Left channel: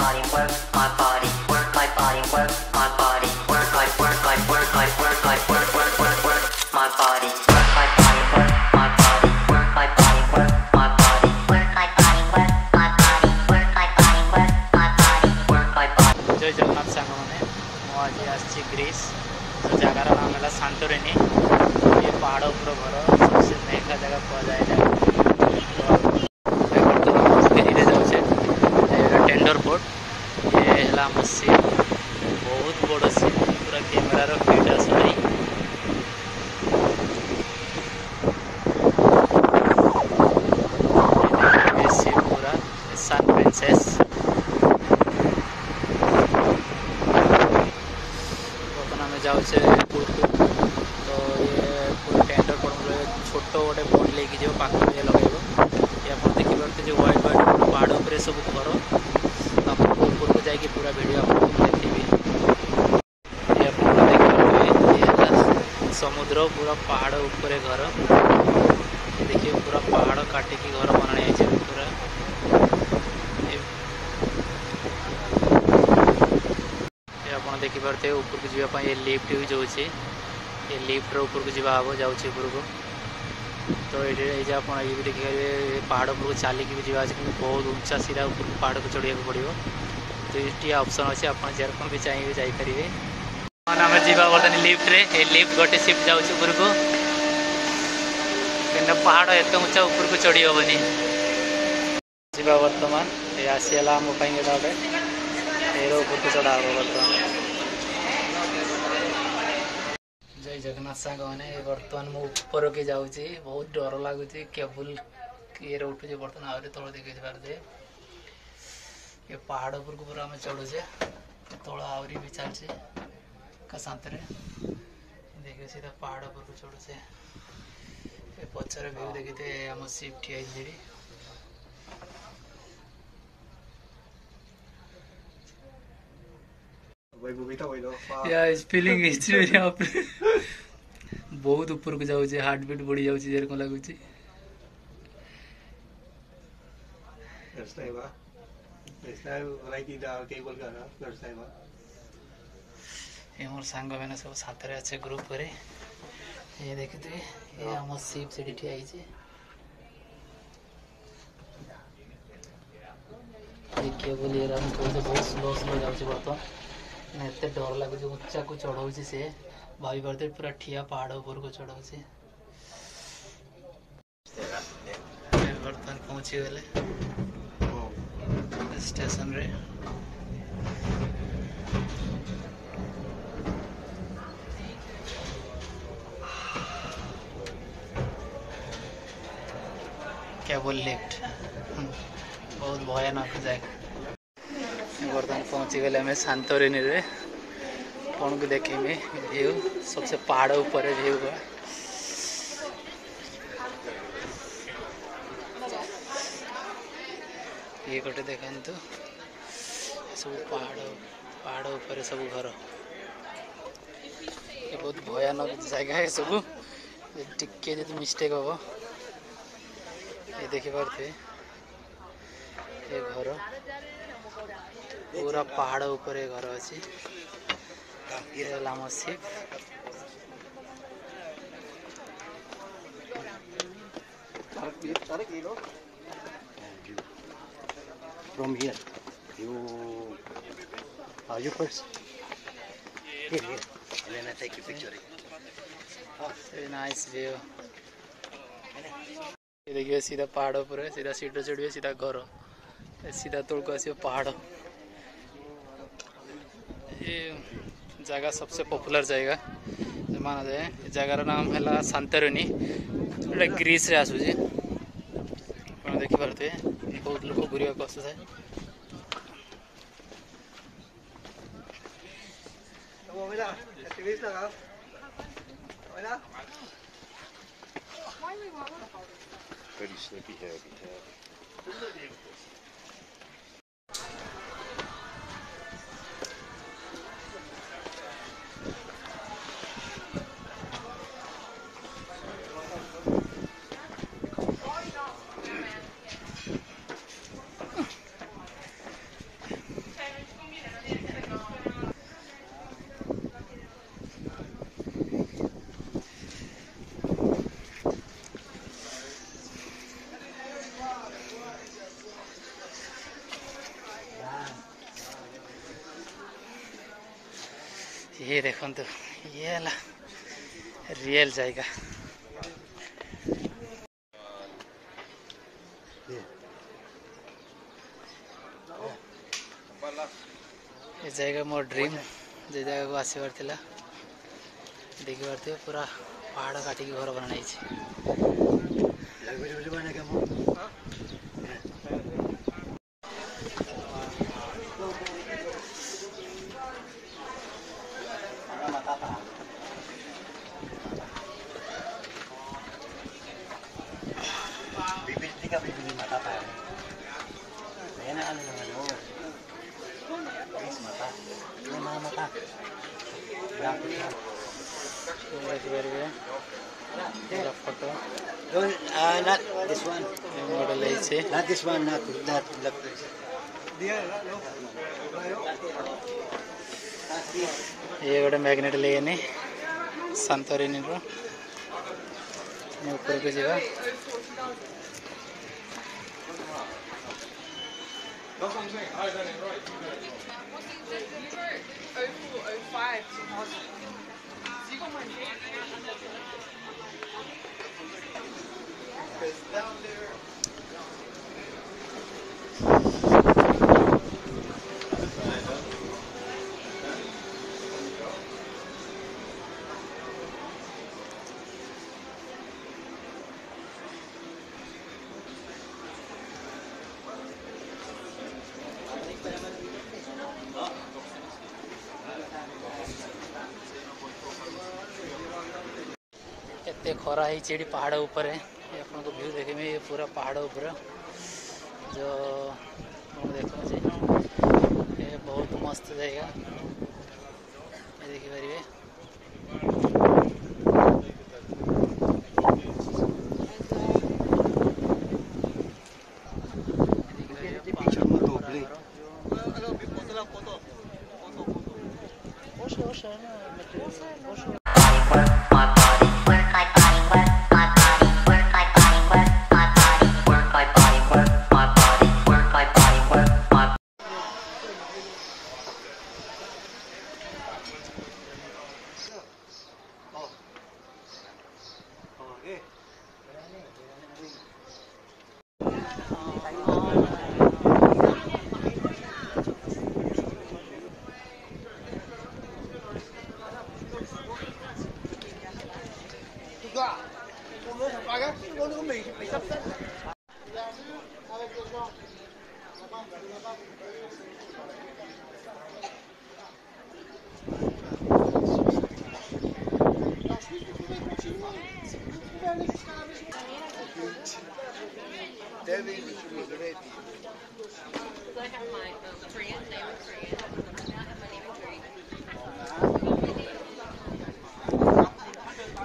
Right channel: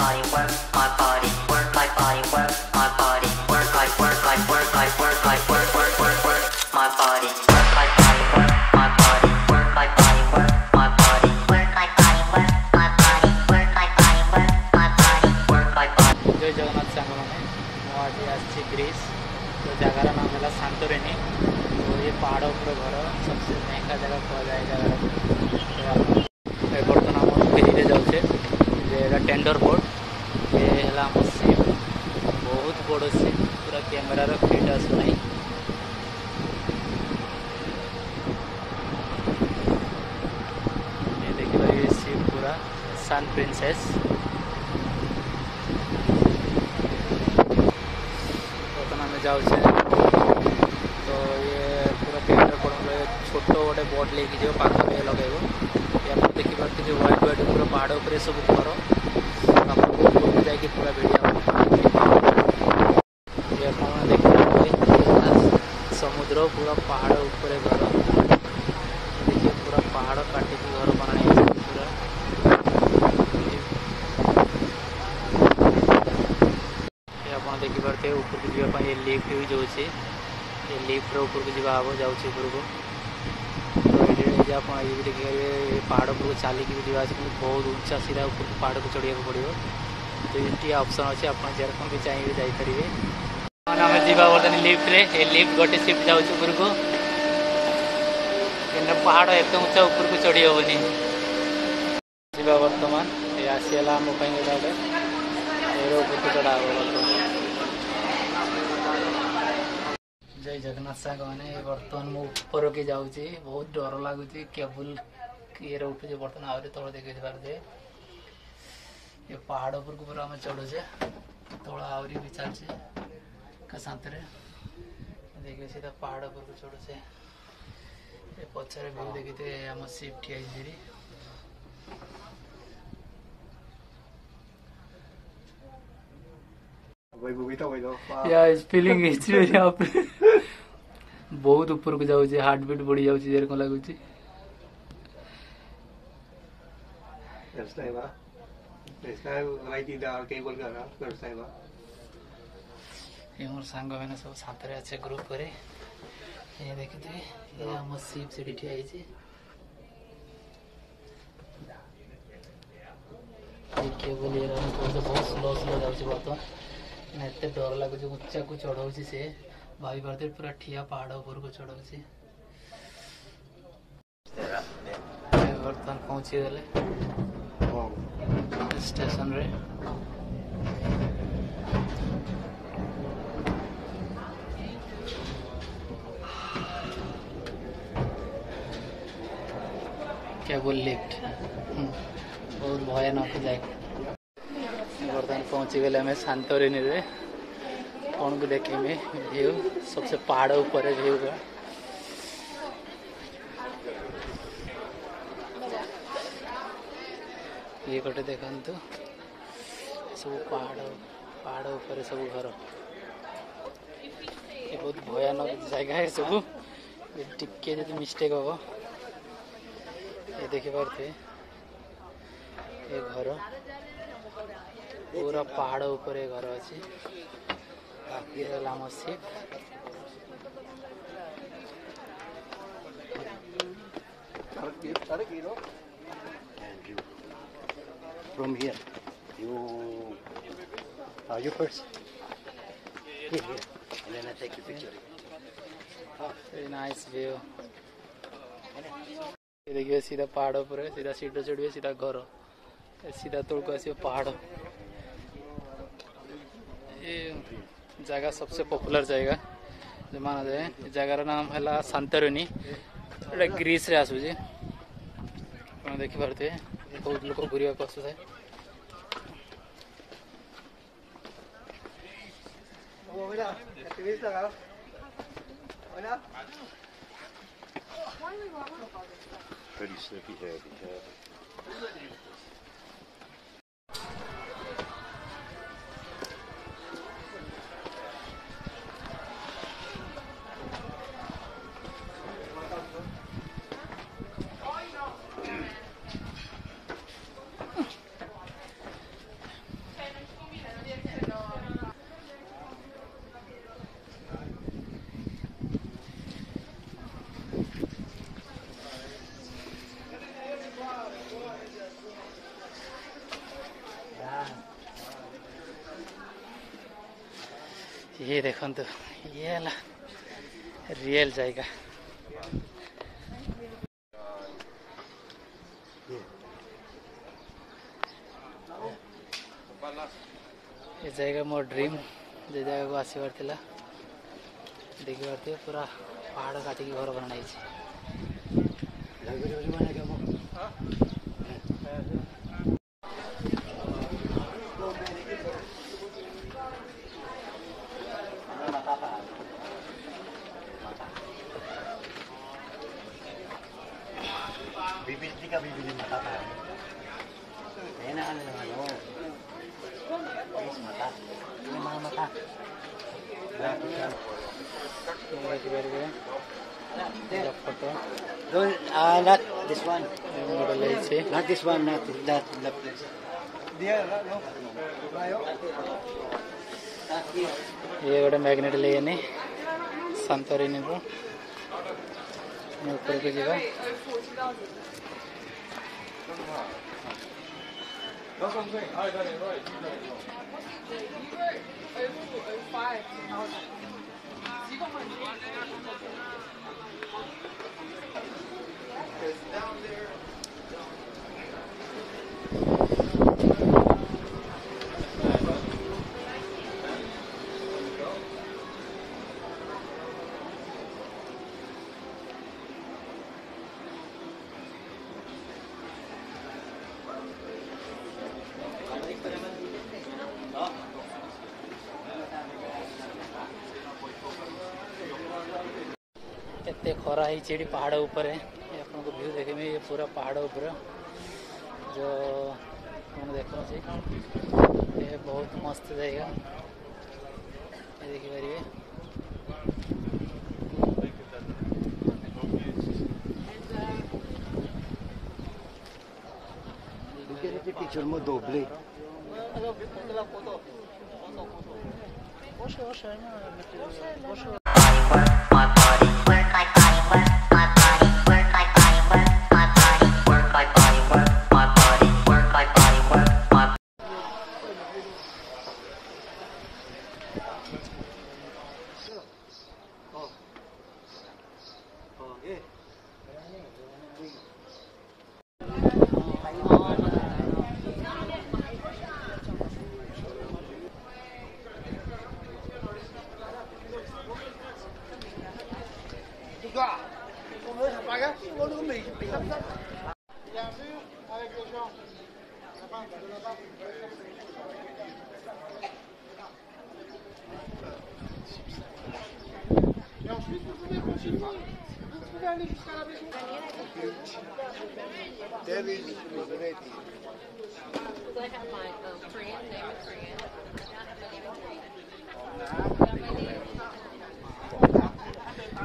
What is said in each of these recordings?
body, work my body, work my body, work my body, work my work my work my work my work work work work my body, work my body, work my body, work my body, work my body, work my body, work my body, work my body, work my body, work my body. जय जगन्नाथ सांग मैंने आज आसी Greece तो जगार नाम है Santorini. तो ये पहाड़ उपर घर सबसे महंगा जगह कह जाए तो बर्तमान फेरी जाऊे टेंडर बोट ये है आम सीप बहुत बड़ सीप पूरा कैमेरार फिट आसुनाई ये सीप पूरा सन प्रिंसेस बर्तमान जाऊे तो ये पूरा टेंडर बोट छोट गोटे बोट लेकिन जो पाखर ये लगेब या देखी पार्थे जो व्हाइट व्हाइट पूरा पहाड़ उपर सब घर आपको ऊपर को जाकि पूरा वीडियो ये देखिए समुद्र पूरा पहाड़ ऊपर घर देखिए पूरा पहाड़ काटिकी घर बनाई पूरा आप देखी पार्थे ऊपर को जावाई ये लिफ्ट भी जाऊँगी ये लिफ्ट ऊपर को जावा हम जाऊँगी ऊपर को तो ये आप ये भी देखिए पहाड़ ऊपर चलिकी भी जावा कि बहुत ऊंचा सीधा ऊपर पहाड़ को चढ़िया पड़ो तो ये ऑप्शन अच्छे आप जेरकम भी चाहिए जापरेंगे आम जा बर्तमान लिफ्ट रे ये लिफ्ट गोटे शिफ्ट जाऊँ ऊपर को कि पहाड़ एत ऊंचा ऊपर को चढ़ी हेनी जा बर्तमान ये आसीगला आम गोटे ये ऊपर को चढ़ा हम बर्तमान जय जगन्नाथ सांग मैंने बर्तमान मु ऊपर के जाऊँगी बहुत डर लगुच केबुल ये उठुचे बर्तमान आहरी तल देखी पारे ये पहाड़ ऊपर को पूरा आम चढ़ुचे तल आहरी भी चलचे का शांत देखिए सीधा पहाड़ ऊपर को चढ़ुचे ये पचर व्यू देखते आम सीप ठिया फीलिंग बहुत ऊपर को जाऊँ हार्ट बीट बढ़ी जाऊँ जेरकम लगुच ये मोर सांग मैंने सब साथ अच्छे ग्रुप करे ये देखते ये आम सीप से ठिया केबल ये बहुत स्लो स्लो जाऊँ बर्तमान एत डर लगुच उच्चा को चढ़ाऊँ सी भाई पारे पूरा ठिया पहाड़ ऊपर को चढ़ाऊँ बर्तमान पहुँची गले स्टेशन रे केबल लिफ्ट बहुत भयानक जाए बर्तमान पहुँची गले हमें सांतोरिनी रे कौन को देखेंगे व्यू सबसे पहाड़ ऊपर व्यू हुआ ये गोटे देखु सब पहाड़ ऊपर सब घर ये बहुत भयानक जगह है सब टिके जो मिस्टेक हम ये देखी पारे ये घर पूरा पहाड़ ऊपर घर अच्छी ये आम सीप From here, you first. Here, and then I take a picture. Very nice view. ये देखिए सीधा पहाड़ ऊपर है सीधा सीढ़ी चढ़िए सीधा घर सीधा तोड़ को आसिए पहाड़ ये जगह सबसे पॉपुलर जगह माना जाए जगार नाम है सांतोरिनी ग्रीस रे आसूचे देखी पारे बहुत लोग घूरिया आसुए Pretty snippy happy tab. ये देखो ये है रियल जाएगा ये जाएगा मोर ड्रीम जे जगह को आसबार थिला देखि पारथिबे पूरा पहाड़ काटिकी घर बनाई Bibili ka, bibili matata. Ayan na ano ng ano. Guys, mata. Yung mga mata. Photo Don't, not this one. Model है Not this one, not that. ये गोटे मैग्नेट लेने संतोरिनी रो ऊपर को जावा एते खरा ही चेड़ी पहाड़ ऊपर है ये अपन को व्यू देखे में ये पूरा पहाड़ ऊपर जो अपन देखो जी ये बहुत मस्त जाएगा ये देखि पारिबे My body, work my body, work my body, work my body, work my body, work my body, work my body, work my body, work my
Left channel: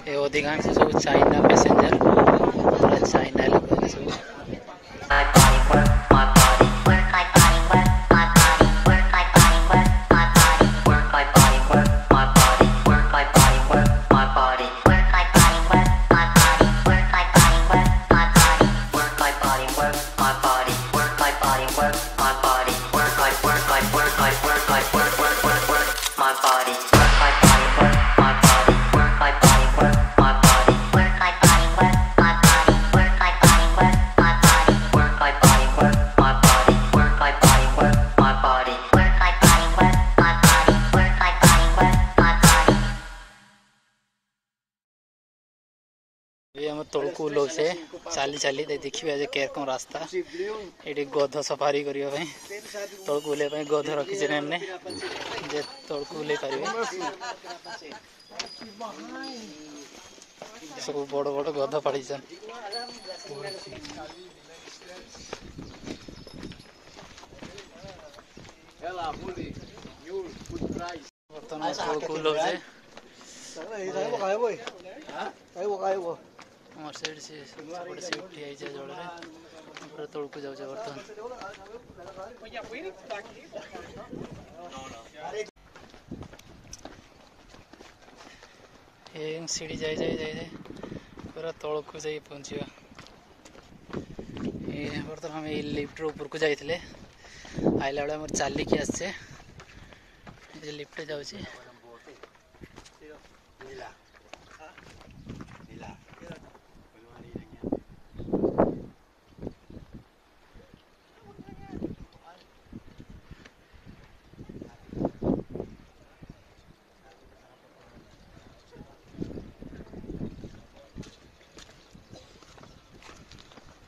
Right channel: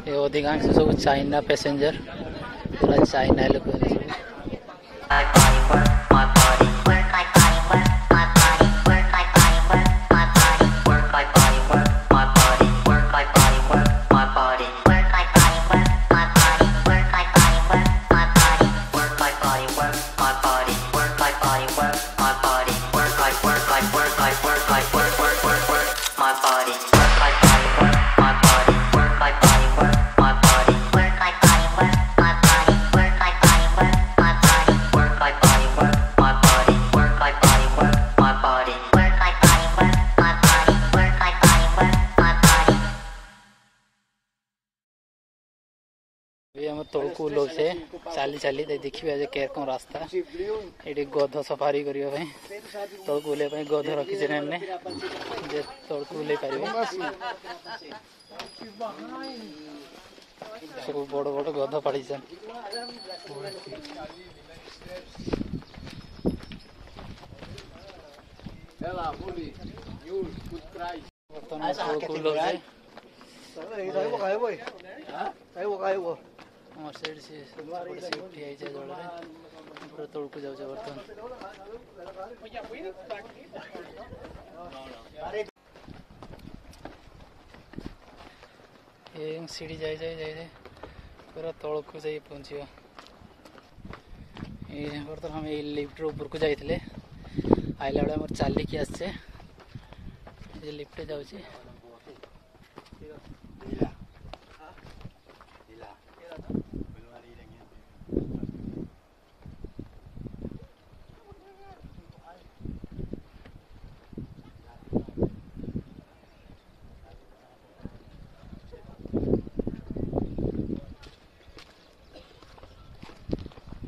ये अधिकांश सब चाइना पैसेंजर पूरा चाइना लोग My body, work my body, work my body, work my body, work my body, work my body, work my body, work my body, work my body, work my body, work my body, work my body, work my body, work my body, work my body, work my body, work my body, work my body, work my work my work my work my work my body, work my body, work my body, work my body, work my body, work my body, work my body, work my body, work my body, work my body, work my body, work my body, work my body, work my body, work my body, work my body, work my body. ये हम तोड़कू लोग से चाली चाली देखिए आज केर कौन रास्ता ये गध सफारी करियो भाई तोड़कू ले भाई गध रखी जे ने जे तोड़कू ले पारिबे सब बड़ बड़ गध पड़ी छन बर्तमान तोड़कू लोग से मोर साइड से बड़े से उठी आई जा जड़ रे पूरा तोड़कू जाउ जा बर्तमान ये सीढ़ी जाई जाई जाई जाई पूरा तोड़कू जाई पहुंचियो ये बर्तमान हम ये लिफ्ट ऊपर को जाइथिले आइला बेला मोर चाली के आछे जे लिफ्ट जाउची Bila. Bila. Keluar lagi lagi.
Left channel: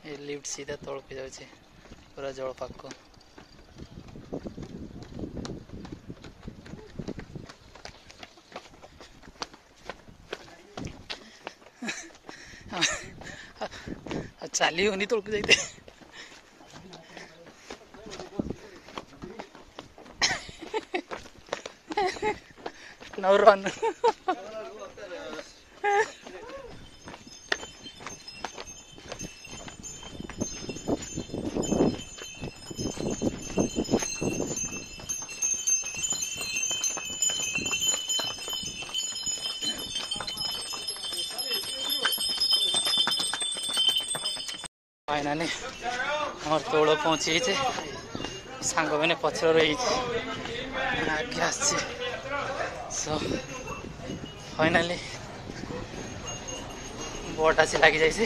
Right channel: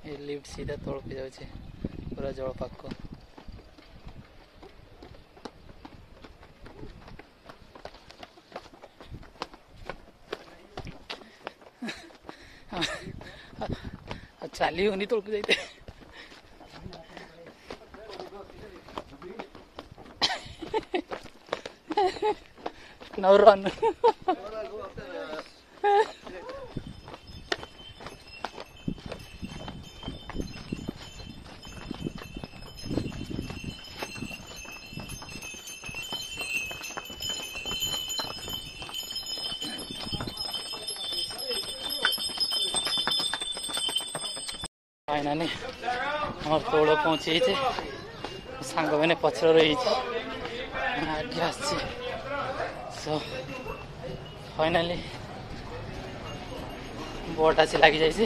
ये लिफ्ट सीधा तौड़ पे जाऊँ पूरा जल पाक को चाली होनी तौड़ के जाते no run. फाइनाली आम तौड़ पहुँची सांग मैंने पचर रही आगे आस सो फाइनाली बोट आसी लगी जाइए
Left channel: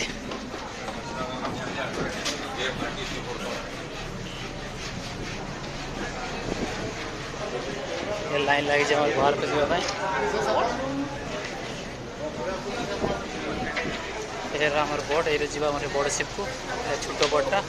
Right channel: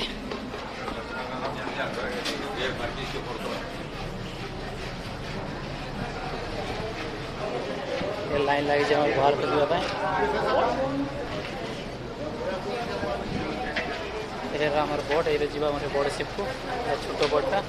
ये लाइन लगी जाए घर पे जावाई ये बोट ये बड़ शिप को छोट बोटा